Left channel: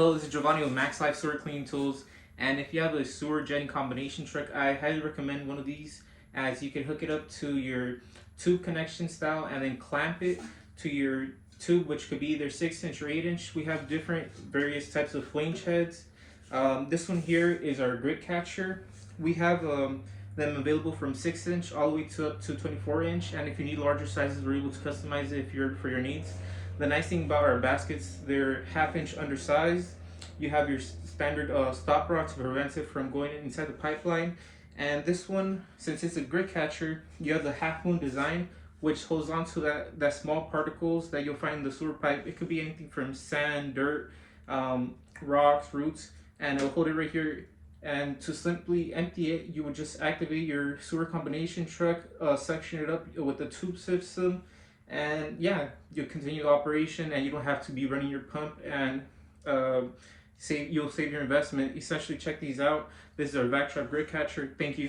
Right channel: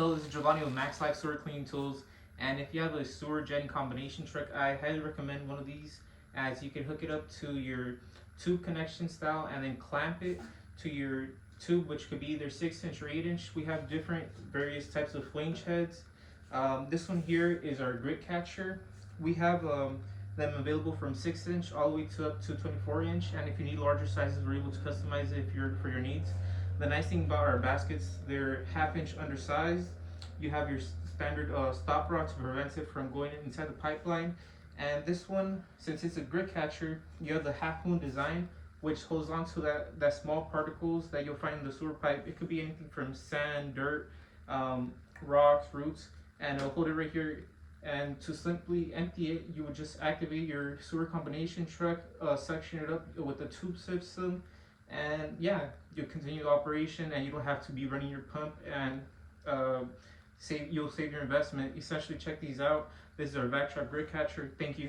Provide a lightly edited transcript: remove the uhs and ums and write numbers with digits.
Hello, this is Giovanni with Max Life Sewer Cleaning Tools, and if you have a sewer jetting combination truck, I highly recommend one of these, as you can hook it up to your tube connection style and then clamp it to your tube, which could be either 6-inch or 8-inch. We have different various types of flange heads. This one here is our grit catcher. We have them available from 6-inch all the way to up to 24-inch, and if you need larger sizes, we're able to customize it for your needs. The nice thing about our baskets, they're 1/2 inch undersized. You have your standard stop rod to prevent it from going inside the pipeline. And this one, since it's a grit catcher, you have the half moon design, which holds on to that small particles that you'll find in the sewer pipe. It could be anything from sand, dirt, rocks, roots, and it'll hold it right here. And to simply empty it, you would just activate your sewer combination truck, section it up with the tube system, and yeah, you'll continue the operation, and you don't have to be running your pump, and you'll save your investment. Essentially, check these out. This is our Vac-Trap Grit Catcher. Thank you.